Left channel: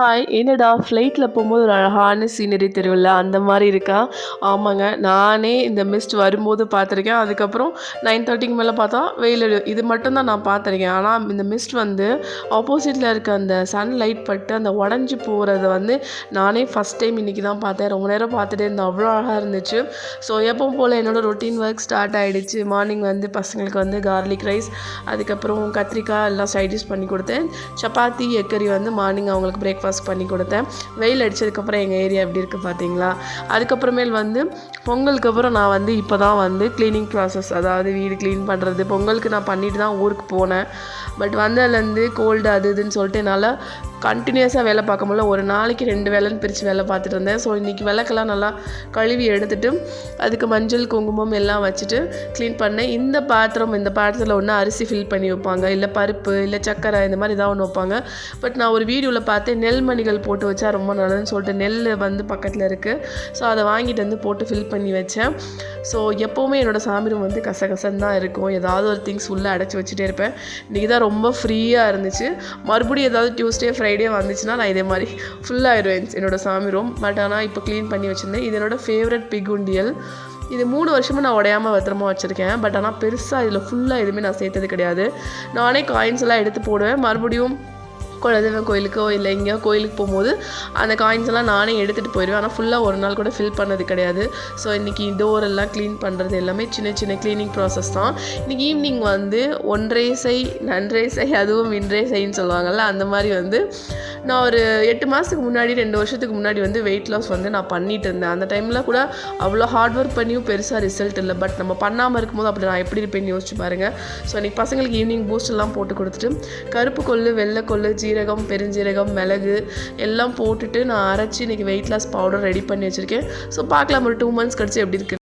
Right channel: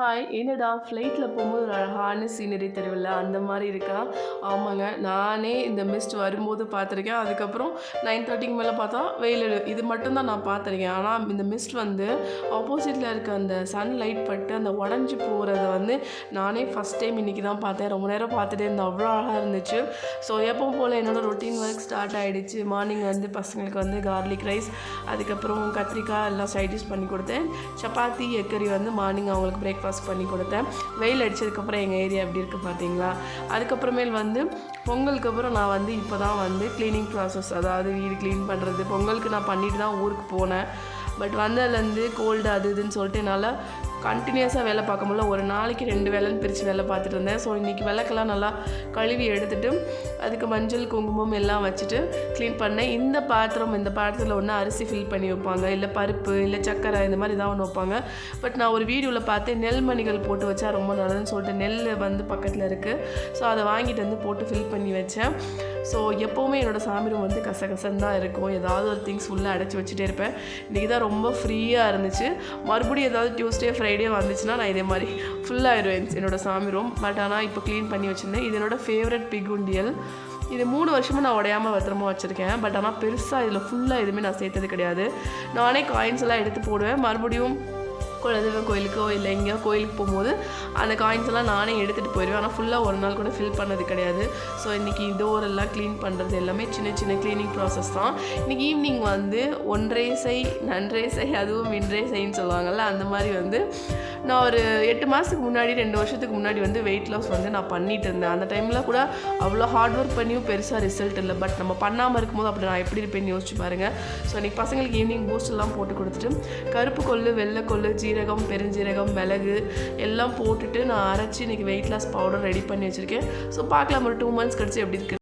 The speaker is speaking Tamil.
ஹாய்! என்னடா ஃப்ளைட்டில போம்போது ஒரு அழகான சீனரி தெரியும்ல, அந்த மாரி இருக்கா? ஆமாங்க. நானே இந்த மிஸ்ட் வரும்போது பார்த்துருக்கேன். அதுக்கப்புறம் 9:30க்கு மேல பார்த்தா வெயில் இது மட்டும் தான் நான் பார்த்துருக்கேன். ஆனா இந்த மிஸ்ட் வந்து ஆப்போசிட்ல இருக்க அந்த சன்லைட் பட்டு அந்த உடஞ்சு போறத வந்து நானே ஃபர்ஸ்ட் டைம் இன்னைக்கு தான் பார்த்தேன். ரொம்ப நேரம் பார்த்துட்டே இருந்தேன். அவ்வளோ அழகா இருந்துச்சு. ஸோ எப்பவும் போல என்னோட ரொட்டீன் ஒர்க் ஸ்டார்ட் ஆயிடுச்சு. மார்னிங் வந்து பசங்களுக்கு வந்து கார்லிக் ரைஸ், அதுக்கப்புறம் கத்திரிக்காய் எல்லாம் சைட் டிஷ் பண்ணி கொடுத்தேன். சப்பாத்தி, எக் கறி வந்து மார்னிங் அவங்களுக்கு பிரேக்ஃபாஸ்ட் பண்ணி கொடுத்தேன். வெயில் அடித்ததுக்கப்புறம் எங்கள் ஏரியா எப்படி இருக்குது பார்த்தீங்களா? அதுக்கப்புறமேல் வந்து பொங்கலுக்கு அப்புறம் நான் வந்து இப்போ தான் வந்து க்ளீனிங் ப்ராசஸ், அதாவது வீடு க்ளீன் பண்ணுறது பொங்கலுக்கு நான் பண்ணிட்டு தான் ஊருக்கு போனேன். பட் வந்ததுலேருந்து கோல்டு அது இதுன்னு சொல்லிட்டு என்னால் கண்டினியூஸாக வேலை பார்க்க முடியல. ஒரு நாளைக்கு 2 வேலைன்னு பிரித்து வேலை பார்த்துட்டு இருந்தேன். ஸோ இன்றைக்கி விளக்கெல்லாம் நல்லா கழுவி எடுத்துட்டு அதுக்கு மஞ்சள் குங்குமம் எல்லாம் வச்சுட்டு க்ளீன் பண்ணேன். இந்த பாத்திரத்தில் ஒன்று அரிசி ஃபில் பண்ணி வைப்பாங்க, இல்லை பருப்பு, இல்லை சக்கரை, இந்த மாதிரி ஏதாவது ஒன்று வைப்பாங்க. பட் நான் ஒரு வீடியோவில் பார்த்தேன் நெல்மணிகள் போட்டு வச்சா ரொம்ப நல்லதுன்னு சொல்லிட்டு நெல் வந்து பக்கத்தில் இருக்குது. ஸோ அதை வாங்கிட்டு வந்து போட்டு ஃபில் பண்ணி வச்சேன். ஸோ எப்போவுமே என்னோடய சாமி ரூம் வந்து கசகசன்னு தான் இருக்கும். ஏதாவது ஒரு திங்ஸ் உள்ளே அடைச்சி வச்சுட்டே இருப்பேன். இன்றைக்கி தான் ரொம்ப ஃப்ரீயாக இருந்துச்சு. மறுபடியும் ஏதாவது டியூஸ்டே ஃப்ரைடே வந்துச்சுன்னா நான் இதே மாதிரி ஃபுல்லாகிடுவேன் என்னோடய சாமி ரூம். பட் ஆனால் இப்போ க்ளீன் பண்ணி வச்சுருந்தேன். இது என்னோடய ஃபேவரட் பிக் உண்டியல். இது 3 வருஷமாக நான் உடையாமல் பத்திரமா வச்சுருக்கேன். பட் ஆனால் பெருசாக இதில் ஃபுல்லாக எதுவுமே நான் சேர்த்தது கிடையாது. நானே காயின்ஸ் எல்லாம் எடுத்து போடுவேன். மறுபடியும் குலதெய்வம் கோயிலுக்கோ இல்லை எங்கேயோ கோயிலுக்கு போகும்போது அந்த காயின்ஸ் எல்லாம் நானே எடுத்துகிட்டு போயிடுவேன். ஆனால் ஃபுல்லாக ஒரு நாள் கூட ஃபில் பண்ணது கிடையாது. ஸோ இன்றைக்கி டோரெல்லாம் க்ளீன் பண்ணுறது எல்லாமே சின்ன சின்ன க்ளீனிங் ப்ராசஸ் தான். இன்றைக்கி ஈவினிங் வந்து ஒன்றே செய் நன்றே செய் அதுவும் இன்றே செய்ன்னு சொல்லுவாங்கள்ல, அந்த மாதிரி வந்து நான் ஒரு 8 மாதத்துக்கு முன்னாடி 2 வருஷத்துக்கு முன்னாடி வந்து வெயிட் லாஸ் வந்து நான் பண்ணிகிட்டு இருந்தேன். அந்த டைமில் கூட அவ்வளோ ஹார்ட் ஒர்க் பண்ணியும் பெருசாக ரிசல்ட் இல்லை. பட் நம்ம பண்ணாமல் இருக்கும்போது அப்படி நான் எப்படி இருப்பேன்னு யோசிச்சு பாருங்கள். ஸோ இன்றைக்கி பசங்களுக்கு ஈவினிங் பூஸ்ட் எல்லாம் போட்டு கொடுத்துட்டு கருப்பு கொள்ளு, வெள்ளை கொள்ளு, ஜீரகம், பெருஞ்சீரகம், மிளகு எல்லாம் போட்டுட்டு நான் அரைச்சி இன்றைக்கி வெயிட் லாஸ் பவுடர் ரெடி பண்ணி வச்சுருக்கேன். ஸோ பார்க்கலாம் ஒரு 2 months கழிச்சு எப்படி இருக்குது.